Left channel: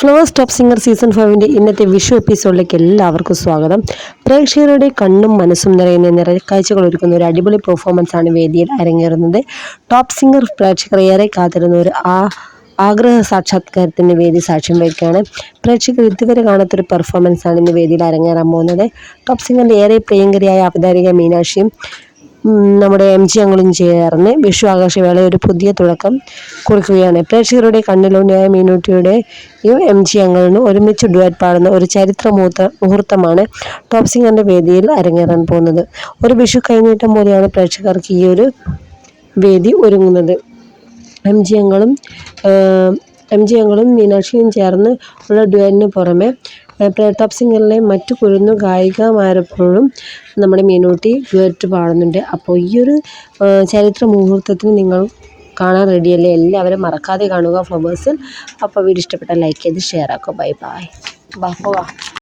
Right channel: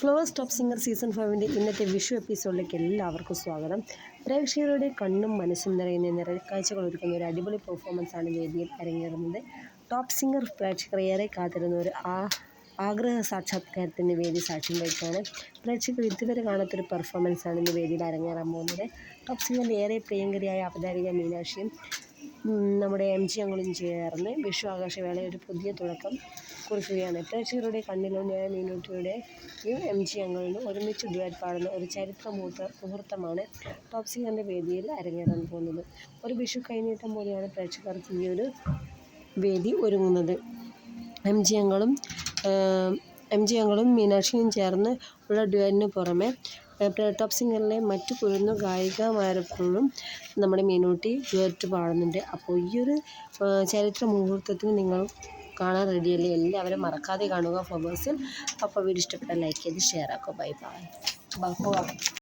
Flowers top singer season 5 ഇന്നത്തെ വിഷു എപ്പിസോഡിലേക്ക് എല്ലാവർക്കും സ്വാഗതം. പ്രേക്ഷകരുടെ കണ്ണും മനസ്സും നിറയുന്ന നിറക്കാഴ്ചകൾ ഒരുക്കുന്ന ഒരു അടിപൊളി പെർഫോമൻസ് ആണ് വേദിയിൽ അരങ്ങേറുന്നത്. ടോപ്പ് സിംഗർ പ്രേക്ഷകർ ഏറെ കാത്തിരുന്ന ഒരു ആഗ്രഹ സാക്ഷാത്കാരത്തിന് വേദി സാക്ഷ്യം വഹിക്കുകയാണ്. പ്രേക്ഷകർ ഇതുവരെ കാണാത്തൊരു പെർഫോമൻസ് ആണ് ഇന്ന് വേദിയിൽ അരങ്ങേറാൻ പോകുന്നത്. ടോപ്പ് സിംഗറിൻ്റെ ഏറെ പ്രിയങ്കരിയായ അവതാരിക മീനാക്ഷിയും നമ്മുടെ MG അങ്കിളും ചേർന്ന് വിഷു ആഘോഷവേള ഒരു പുതിയ തുടക്കം കുറിക്കുകയാണ്. പ്രേക്ഷകരുടെ കണ്ണിലൂടെയായ മീനൂട്ടിയുടെയും MG അങ്കിളിനും ഒരുമിച്ച് ഡുവറ്റ് പാടുന്ന ഒരു ചരിത്ര മുഹൂർത്തമാണ് ടോപ്പ് സിംഗറിൻ്റെ വേദിയിൽ അരങ്ങേറാൻ പോകുന്നത്. ഒരു വിഷു കൈനീട്ടം പോലെയാണ് പ്രേക്ഷകർക്ക് ഈ ഒരു വേദി ഒരുങ്ങുന്നത്. MG അങ്കിളും മീനാക്ഷിയും ചേർന്ന് ഉള്ള ഡുവറ്റിന് പുറമെ ടോപ്പ് സിംഗറിലെ മറ്റു കുരുന്നു ഗായികമാരെപ്പോഴും നമ്മുടെ മീനൂട്ടി ഡുവറ്റ് പാടുന്നുണ്ട്. അപ്പോൾ ഈ ഒരു ചരിത്ര മുഹൂർത്തത്തിന് നിങ്ങൾ കാണാൻ റെഡിയല്ലേ? എല്ലാവരും മറക്കാതെ കാണുക ഫ്ലവേഴ്സിൽ. അപ്പോൾ വീഡിയോ ഇഷ്ടപ്പെട്ടാൽ ലൈക്ക് ചെയ്ത് ഷെയർ ആക്കുക. Bye bye.